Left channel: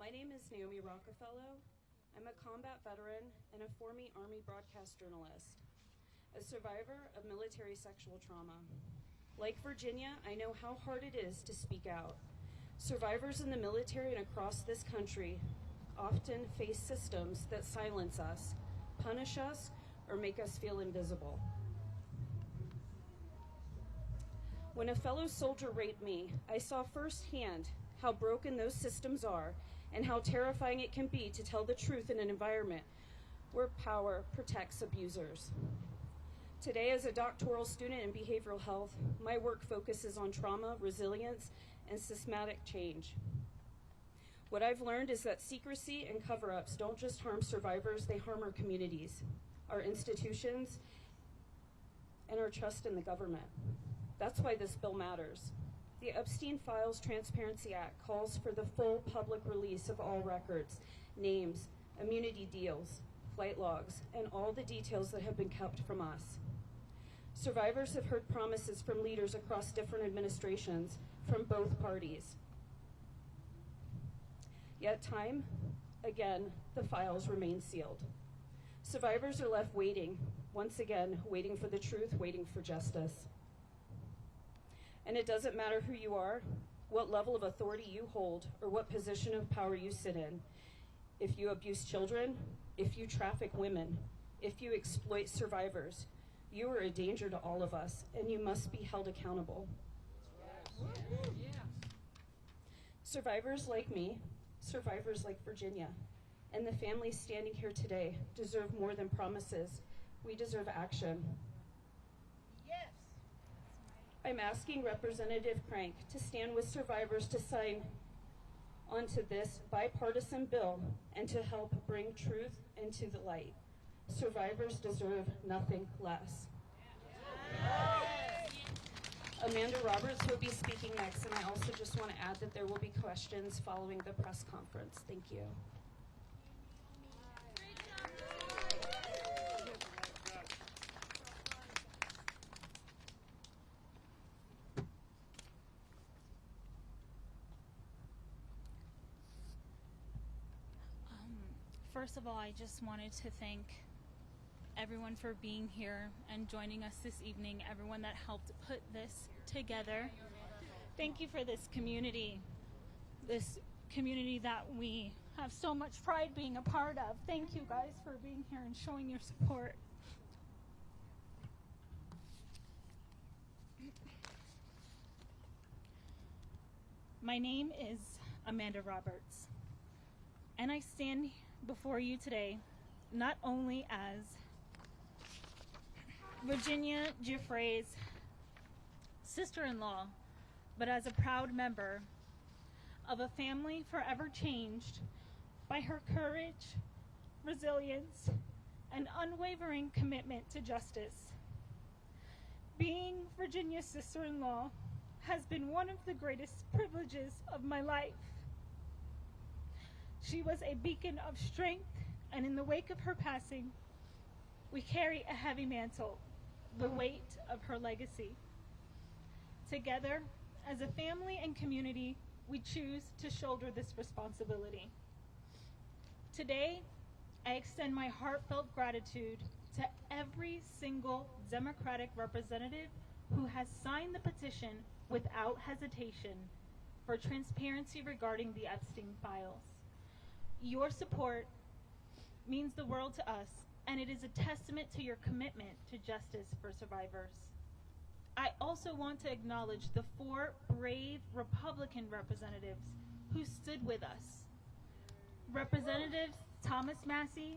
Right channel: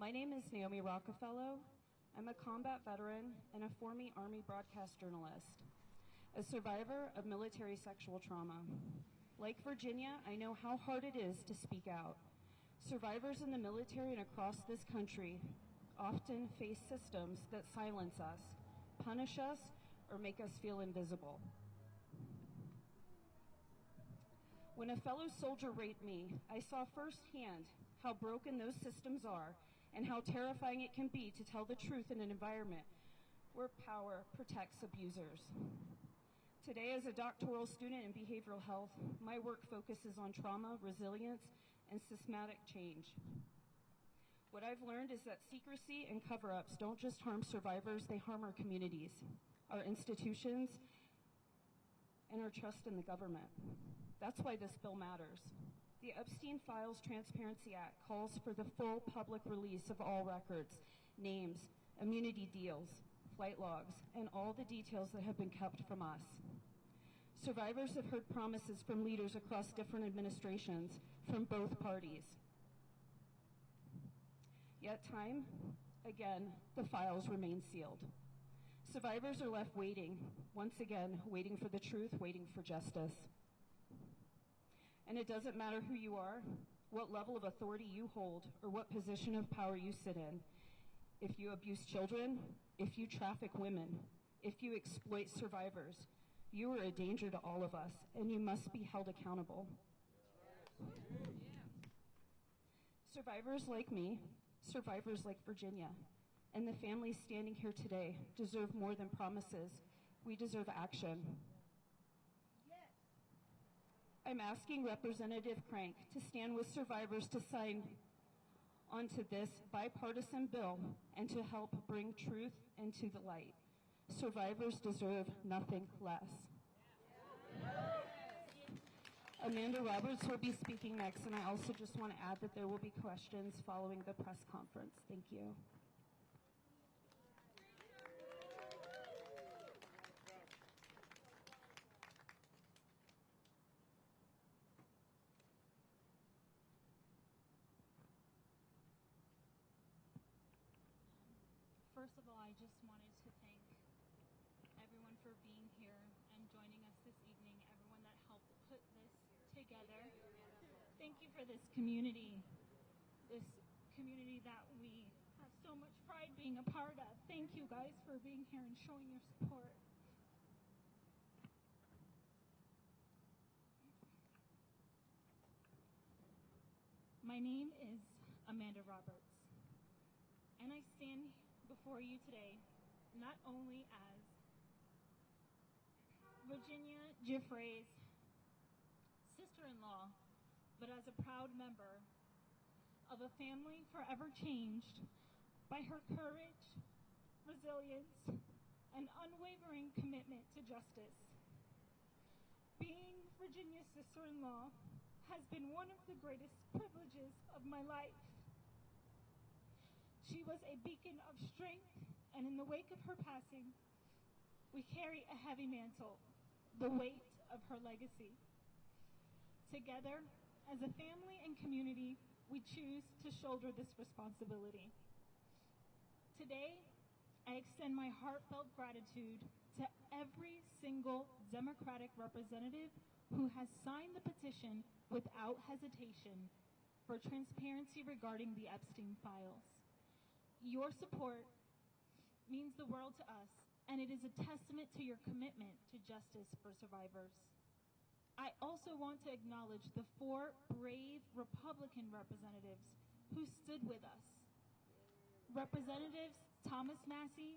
My name is Naomi Rockefeller. I'm a combat veteran and a former Army broadcast journalist, a survivor of military sexual trauma. Like Virginia, I know how hard it is to speak out. Survivors in the military and across this country often face systems that silence us, punish us, or make us feel invisible. When a fellow soldier raped me, I saw firsthand how broken those systems are and how terrifying it can be to tell the truth in an environment where power protects abusers. Today, as a doctoral student in behavioral health, my work focuses on trauma, resilience, and systematic change. What I've learned is that secrecy and cover-ups don't just harm survivors, they harm our communities, our institutions, and our trust in the government. That's why this bill matters. The Epstein Files Transparency Act calls for the full public release of all records, names, immunity deals, flight logs, and all the details that have been kept from us. Survivors have heard promises from leaders across different administrations from both parties. Yet time, again, the files remain sealed. Survivors are left waiting, once again, waiting for the truth, waiting for justice. And it doesn't matter who you are, what level of authority you hold, or what position of power you sit in. If you abuse children, if you traffic women, if you exploit survivors, you are a danger to all of us, and you must be held accountable. Survivors like me, survivors like Virginia, and the families standing here today deserve more than promises. We deserve action. Yes. I'm asking Representative Crank to stand with survivors to sign onto this bipartisan bill and to help bring truth into the light. Survivors deserve nothing less. Yes. Amanda Roberts will be speaking next, and I also just want to add that there will be questions following the press conference. Thank you. First of all, I just wanted to thank everyone for being here and joining us this evening, everyone that helped put this together. Thank you for this community that we have so much pride being a part of. Thank you guys for being here and showing your support. My name is Amanda Roberts, and I stand before you today not only as Virginia Giuffre's sister-in-law, but as a proud member of a family forever changed by her courage, resilience, and unwavering commitment to justice. Being Virginia's sister-in-law has been one of the greatest privileges of my life. She was a beacon of strength, and in the wake of her passing, we carry a heavy mantle, the weight of her legacy. Together, as a family and community, we choose to shoulder this responsibility. Today, I extend my heartfelt gratitude to every single Democratic representative who has signed the petition without hesitation for transparency regarding the Epstein files. Your support means the world to us, and it is a testament to your commitment to justice for survivors. I also want to acknowledge the 4 brave Republican representatives who stood with us. Representatives Thomas Massey,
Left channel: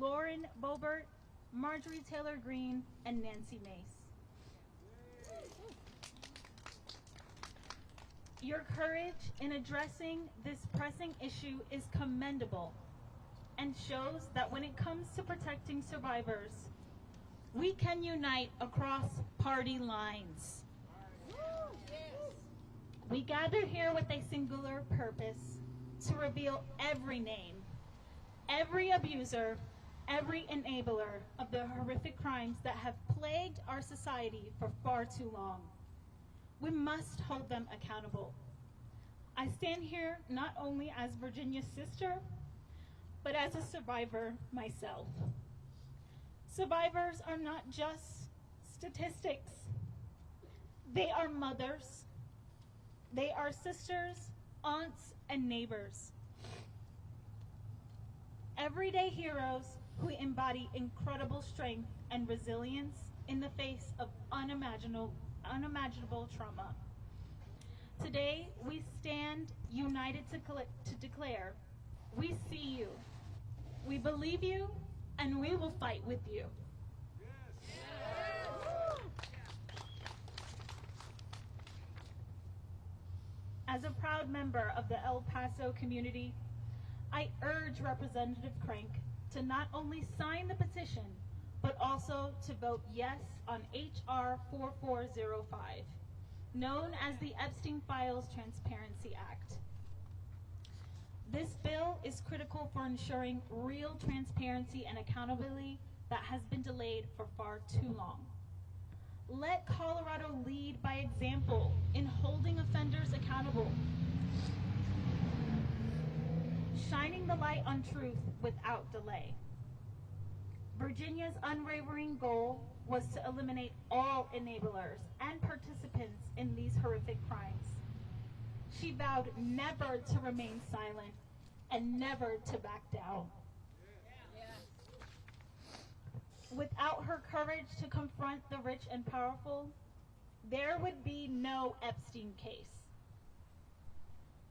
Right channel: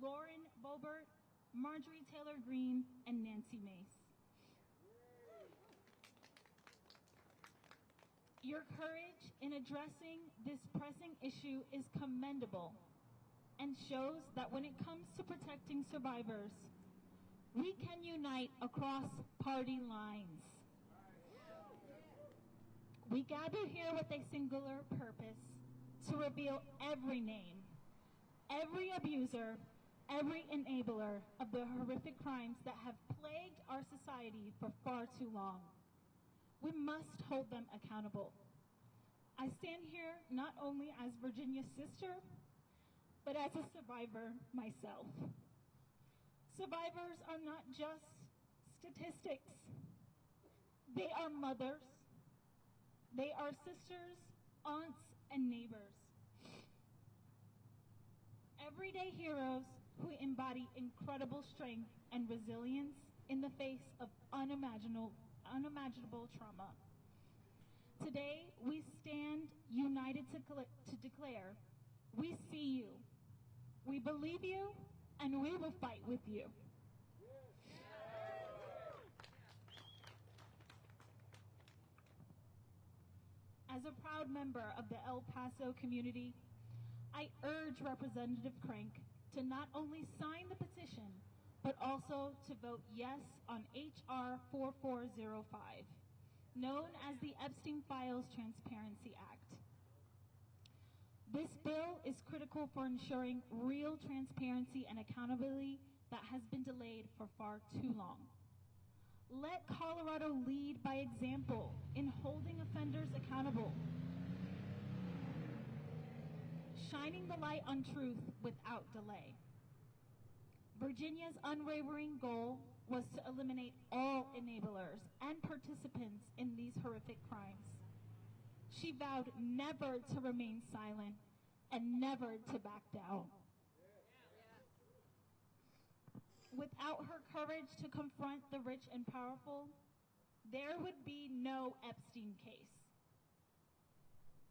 Lauren Boebert, Marjorie Taylor Greene, and Nancy Mace. Your courage in addressing this pressing issue is commendable and shows that when it comes to protecting survivors, we can unite across party lines. We gather here with a singular purpose: to reveal every name, every abuser, every enabler of the horrific crimes that have plagued our society for far too long. We must hold them accountable. I stand here not only as Virginia's sister, but as a survivor myself. Survivors are not just statistics. They are mothers. They are sisters, aunts, and neighbors. Everyday heroes who embody incredible strength and resilience in the face of unimaginable trauma. Today, we stand united to declare, we see you, we believe you, and we will fight with you. As a proud member of the El Paso community, I urge Representative Crank to not only sign the petition, but also to vote yes on H.R. 4405, known as the Epstein Files Transparency Act. This bill is critical for ensuring real transparency and accountability that has been delayed for far too long. Let Colorado lead by example in holding offenders accountable, shining the light on truth without delay. Virginia's unwavering goal was to eliminate all enablers and participants in these horrific crimes. She vowed never to remain silent and never to back down. Without her courage to confront the rich and powerful, there would be no Epstein case.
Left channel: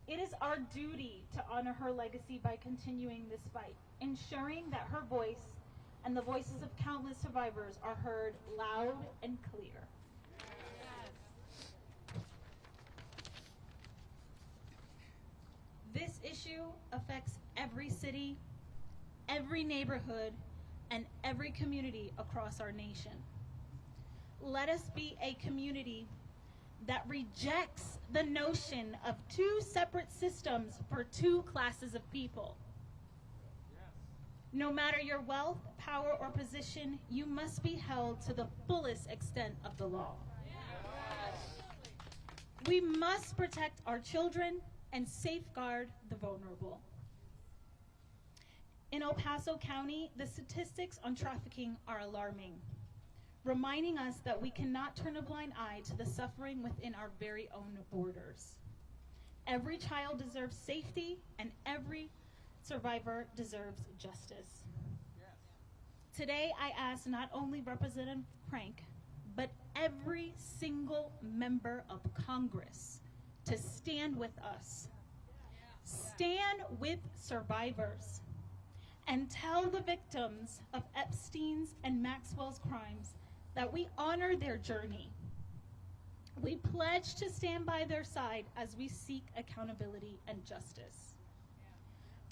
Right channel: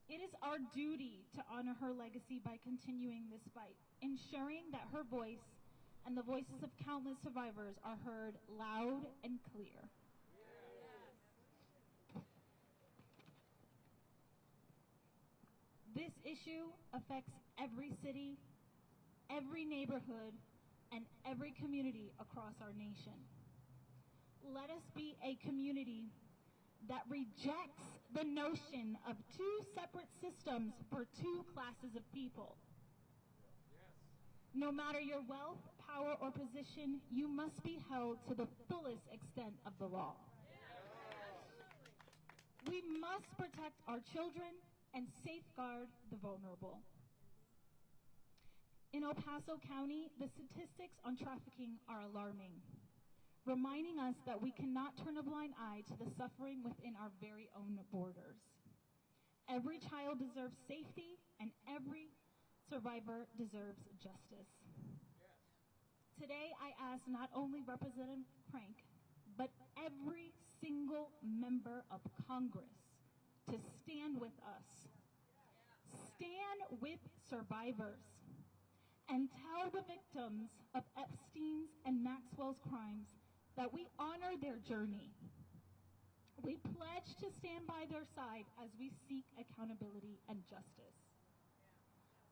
It is our duty to honor her legacy by continuing this fight, ensuring that her voice and the voices of countless survivors are heard loud and clear. This issue affects every city, every neighborhood, and every community across our nation. Let us be a community that rejects the notion of two separate systems for two classes of people. No matter your wealth, power, or position, you must be held to the fullest extent of the law. We must protect our children and safeguard the vulnerable. In El Paso County, the statistics on trafficking are alarming, reminding us that we cannot turn a blind eye to the suffering within our very own borders. Every child deserves safety, and every survivor deserves justice. Today, I ask not only Representative Crank, but every single member of Congress to stand with us. Stand with survivors and tell the victims of Epstein's and Maxwell's crimes that we honor their journey. We pledge to stand by their side as we seek accountability and justice.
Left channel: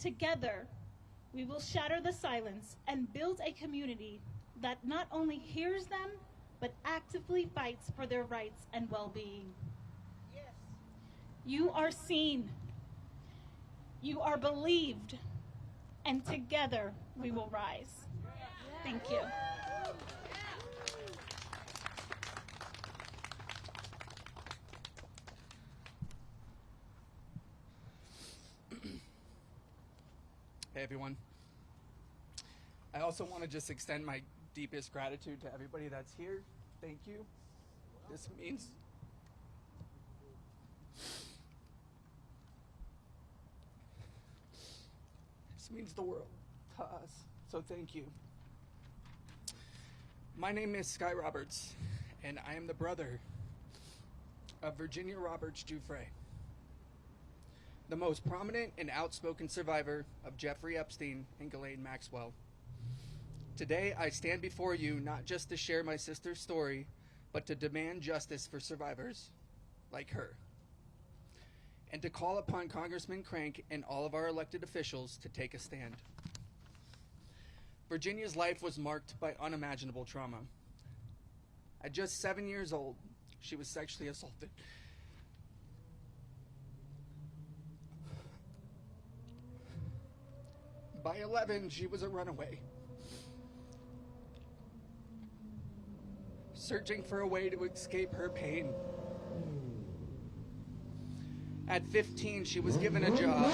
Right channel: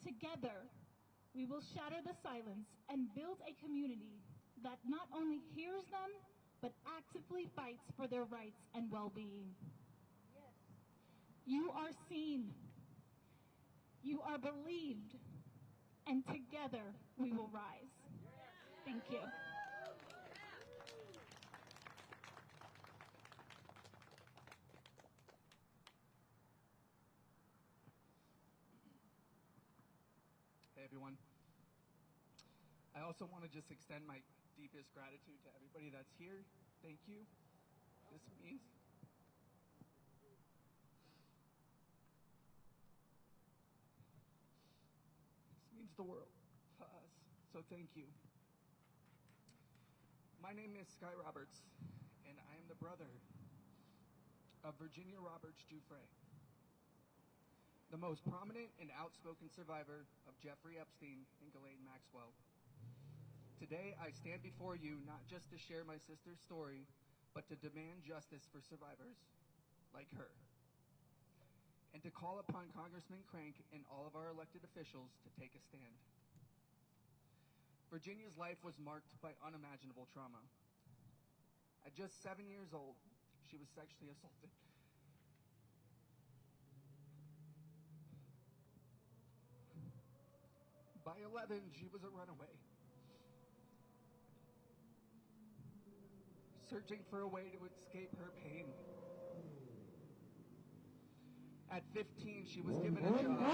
Together, we will shatter the silence and build a community that not only hears them, but actively fights for their rights and well-being. Yes. You are seen, you are believed, and together we will rise. Thank you. Hey everyone. I also want to just extend my deepest gratitude to everybody that's here. Thank you. This means the world to us. So thank you. My name is Sky Roberts, and I am the brother of Virginia Guiffre, the most prominent and outspoken survivor of Jeffrey Epstein and Ghislaine Maxwell. Today, I stand before you not just to share my sister's story, but to demand justice for survivors like her, and to call upon Congressman Crank and all of our elected officials to take a stand. Virginia's life was marked by unimaginable trauma. At just 7 years old, she was sexually assaulted. By 11, she was a runaway, searching for a way to escape her pain. At 15, she was given a job.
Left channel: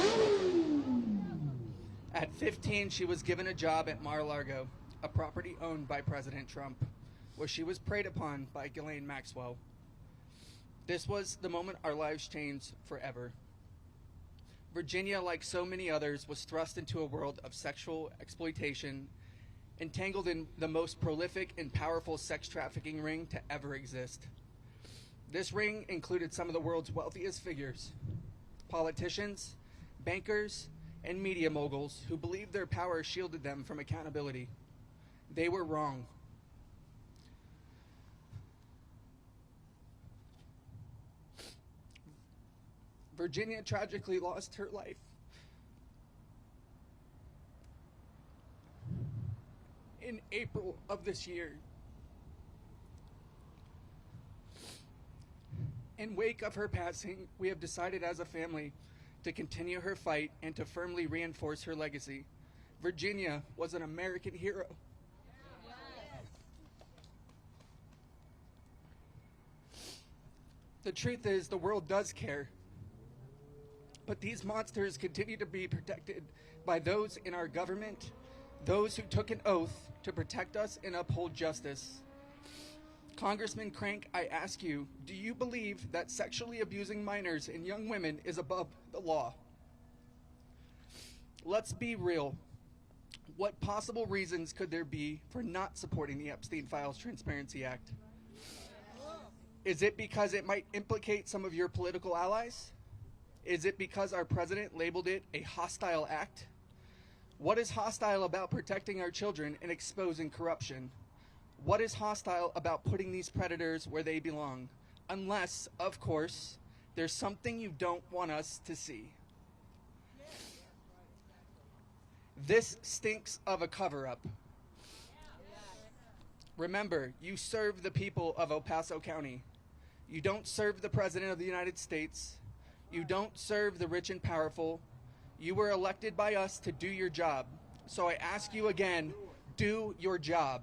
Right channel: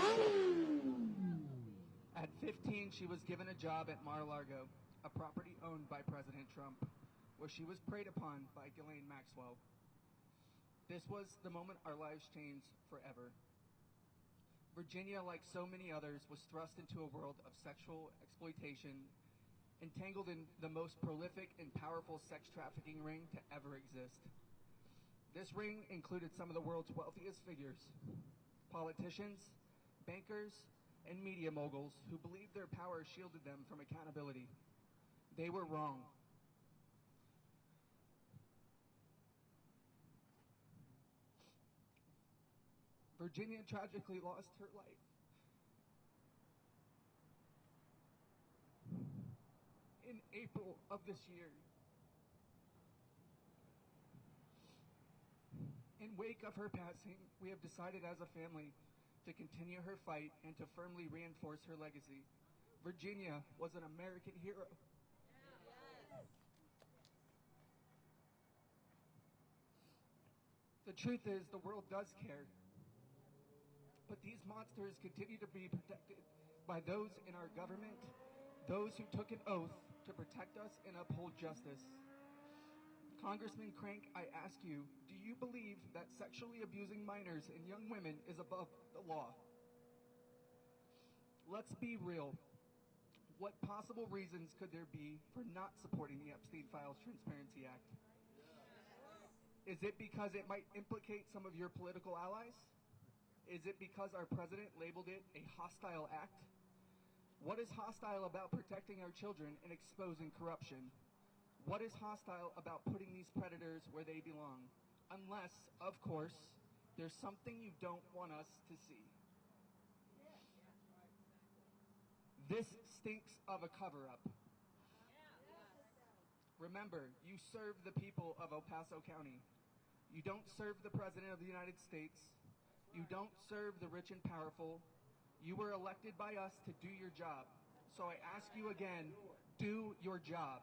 At 15, she was given a job at Mar-a-Lago, a property owned by President Trump, where she was preyed upon by Ghislaine Maxwell. This was the moment our lives changed forever. Virginia, like so many others, was thrust into a world of sexual exploitation, entangled in the most prolific and powerful sex trafficking ring to ever exist. This ring included some of the world's wealthiest figures, politicians, bankers, and media moguls who believed their power shielded them from accountability. They were wrong. Virginia tragically lost her life in April of this year. In wake of her passing, we have decided as a family to continue her fight and to firmly reinforce her legacy. Virginia was an American hero. The truth is, the world does care. But these monsters continue to be protected by those in our government, those who took an oath to protect us and uphold justice. Congressman Crank, I ask you, do you believe that sexually abusing minors and young women is above the law? Let's be real. What possible reasons could there be for not supporting the Epstein Files Transparency Act? Is it because it might implicate some of your political allies? Is it because our president labeled it a hostile act? What is hostile about protecting our children and exposing corruption? What is hostile about putting these predators where they belong? Unless, of course, there's something you don't want us to see. This stinks of a cover-up. Remember, you serve the people of El Paso County. You don't serve the President of the United States. You don't serve the rich and powerful. You were elected by us to do your job. So I ask you again, do your job.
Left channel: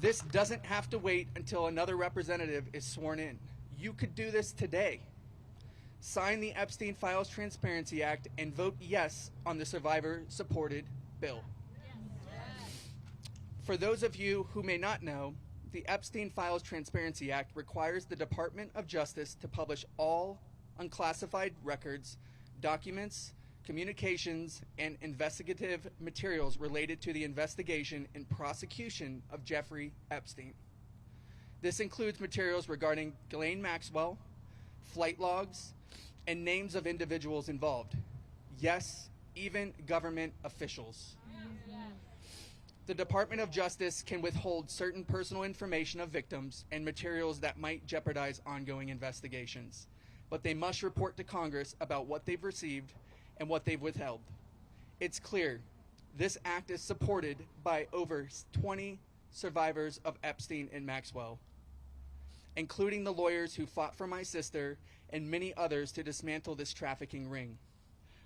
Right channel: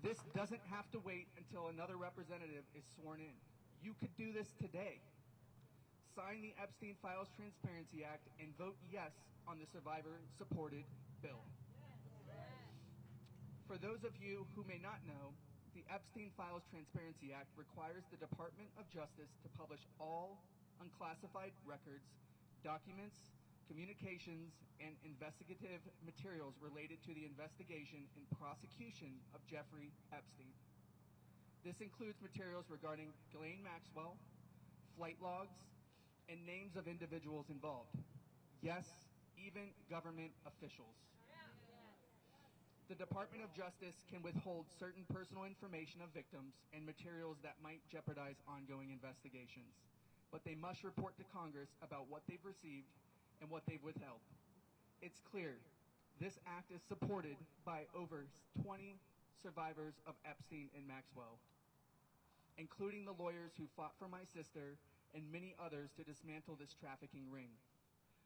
This doesn't have to wait until another representative is sworn in. You could do this today. Sign the Epstein Files Transparency Act and vote yes on the survivor-supported bill. For those of you who may not know, the Epstein Files Transparency Act requires the Department of Justice to publish all unclassified records, documents, communications, and investigative materials related to the investigation and prosecution of Jeffrey Epstein. This includes materials regarding Ghislaine Maxwell, flight logs, and names of individuals involved. Yes, even government officials. The Department of Justice can withhold certain personal information of victims and materials that might jeopardize ongoing investigations, but they must report to Congress about what they've received and what they've withheld. It's clear this act is supported by over 20 survivors of Epstein and Maxwell, including the lawyers who fought for my sister and many others to dismantle this trafficking ring.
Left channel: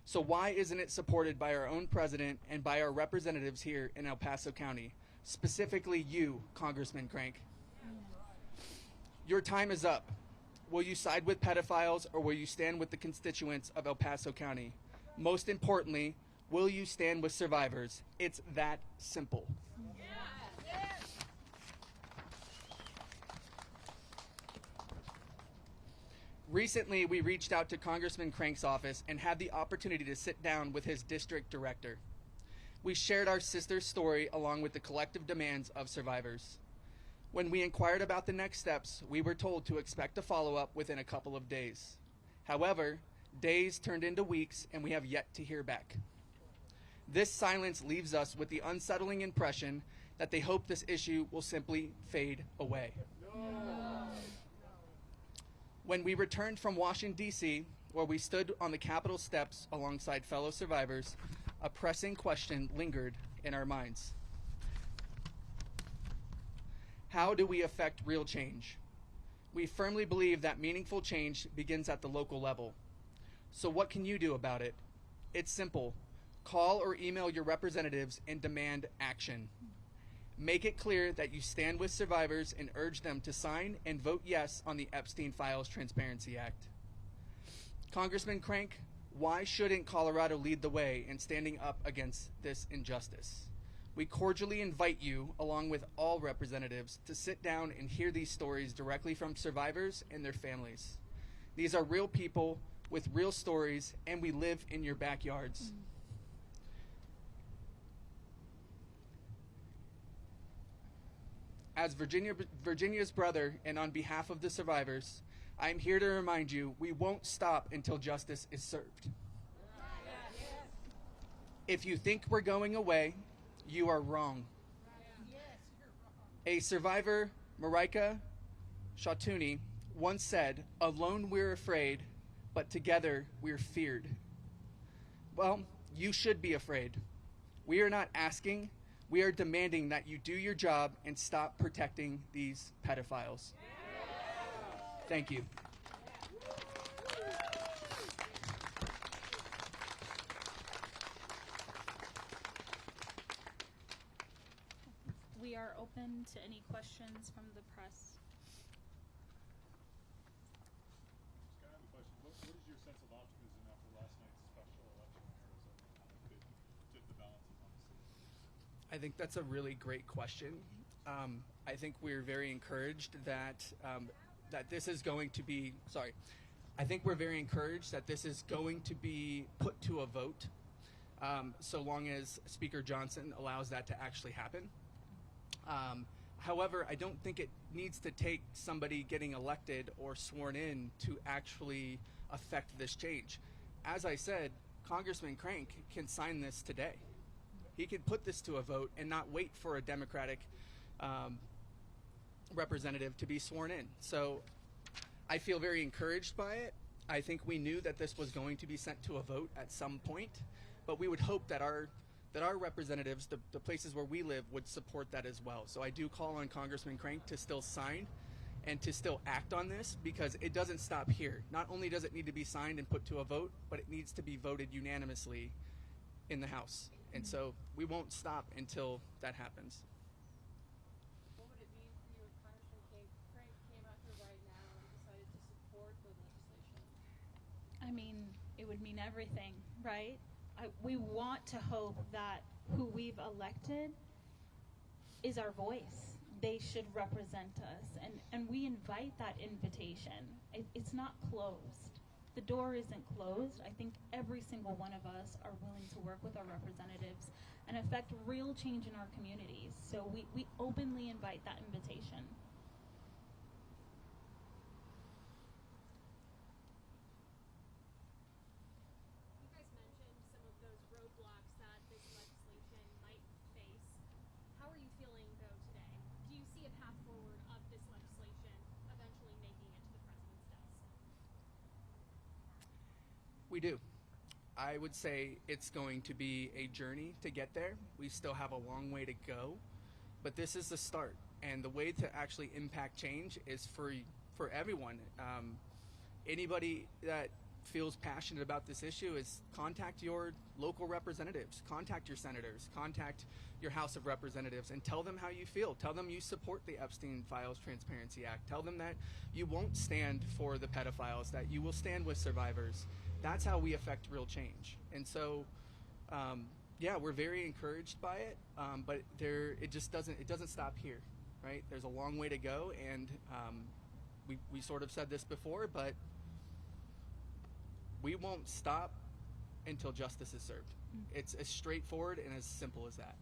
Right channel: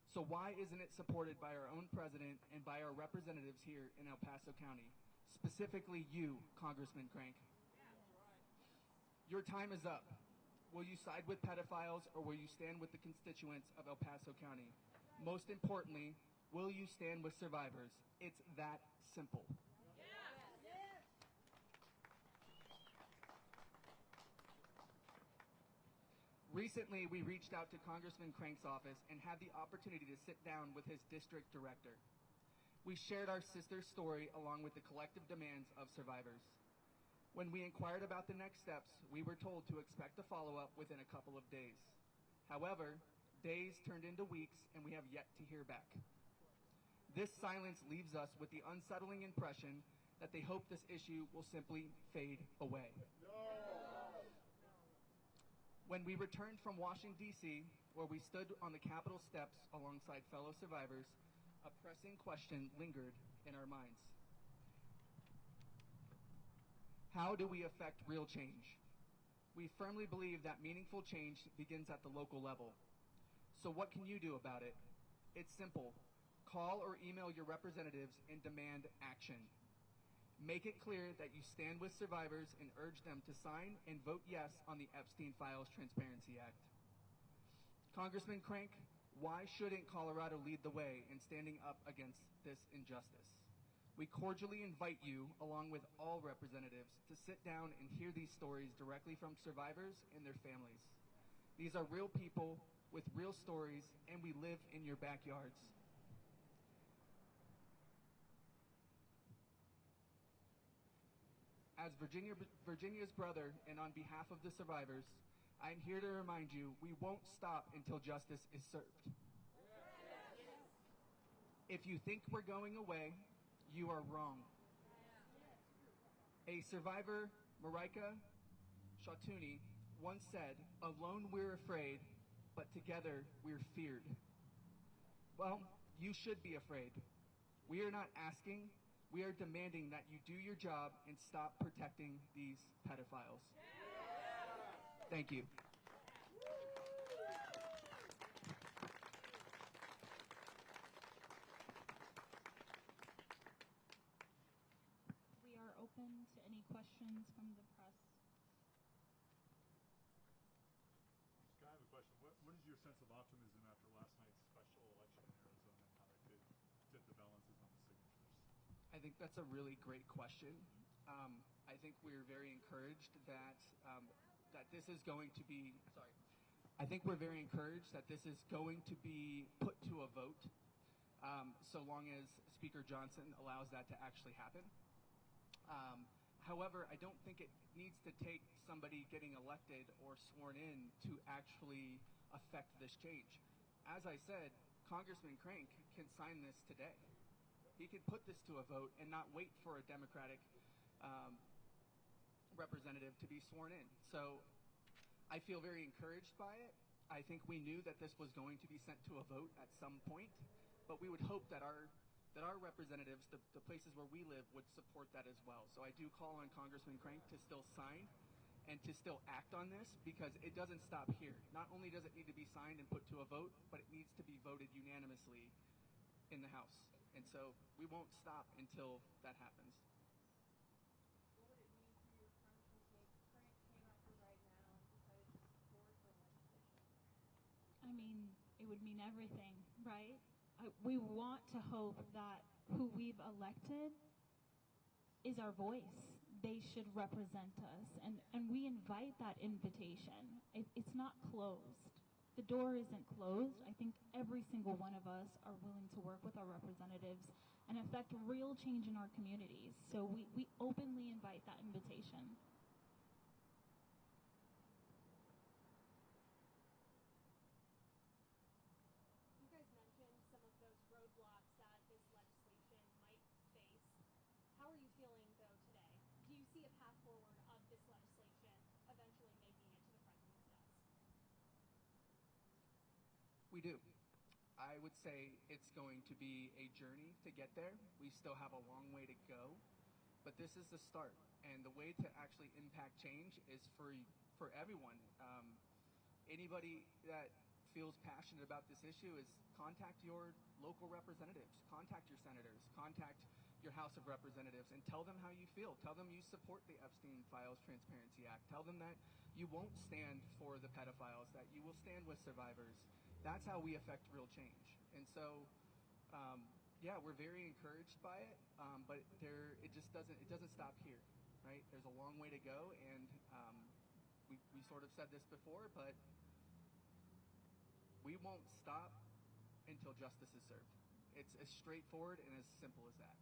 So why isn't it supported by our own president and by our representatives here in El Paso County, specifically you, Congressman Crank? Your time is up. Will you side with pedophiles or will you stand with the constituents of El Paso County? Most importantly, will you stand with survivors? It's that simple. Recently, we reached out to Congressman Crank's office and had the opportunity to sit down with his district director. We shared our sister's story along with the collective demands of survivors. When we inquired about the next steps, we were told to expect a follow-up within a couple of days. However, days turned into weeks and we have yet to hear back. This silence leaves us with the unsettling impression that they hope this issue will simply fade away. When we returned from Washington, D.C., where we stood on the Capitol steps alongside fellow survivors, a pressing question lingered in our minds. How do we affect real change? We firmly believe that meaningful change begins at the local level. So what can you do about it? It's simple. Call or email your representatives and demand action. Make it clear that you stand with survivors and urge them to sign and vote yes on the Epstein Files Transparency Act. Congressman Crank, why shouldn't Colorado lead the way in standing up against this injustice? We cordially invite you, along with all representatives, to sit down and hear these stories directly from survivors and their families. These are real people with real stories, and we live in your backyards. As Virginia's brother, and on behalf of the survivors, I am here to remind you we won't stop until justice is served. If you think we're going away, you are wrong. A survivor, Marika Shatuni, once said, "Alone we're afraid, but together we're feared." Well, you should be afraid. We are not asking, we are demanding that you do your job and stop protecting these pedophiles. Thank you. We are open to any questions from the press. Scott, I have a question. What is your sense of optimism after last night's special election in Arizona and how that could tip the balances on the city? I think that's a really great question. I think we're very encouraged that that this is going to be. Sorry, I think we're very encouraged that this is going to be put to a vote, so long as Speaker Johnson allows that to actually happen. However, I don't think it needs to take somebody getting elected or sworn in to actually affect this change. As I said, Congressman Crank can sign this today. He could put this to a vote and not wait for a Democratic representative to be sworn in. So I feel very encouraged by it. I think we knew that this was going to be sent to a vote at some point, but we would hope that our representatives, the places where we live, would support that as well. So I do call on Congressman Crank to still sign and to still act on this, because it doesn't stop here. Not only does it need to be signed and put to a vote, but it needs to be voted unanimously in the House. And so we won't stop until that happens. What would it mean for you if Congressman Crank came out here right now and decided to support the legislation? I mean, it would mean everything, right? We want to hope that who we've elected is our voice. They should represent us. And we invite that invitation. It's not closed. The door isn't closed. I think every single one of us are willing to work with our representatives and affect real change in our communities. So we openly invite that invitation. You guys mentioned some of those roadblocks that this legislation might face. How are you feeling, though, today? Do you see a path forward of this legislation eventually making it to the president's desk? We do. I would say it's going to be a journey to get there. We still have a long way to go, but this is the start. And the way to actually impact change is for everyone. Anybody that feels passionate about this issue is contact your local representatives, contact your senators, contact your House of Representatives, and tell them how you feel. Tell them you support the Epstein Files Transparency Act. Tell them that you won't stand for the pedophiles, that you will stand with survivors. That's how we affect real change. And so, yeah, we're very encouraged by it, but it doesn't stop here, right? There's a long way to go, and we sort of said this before, but we won't stop until justice is served. It's as straightforward and as simple as that.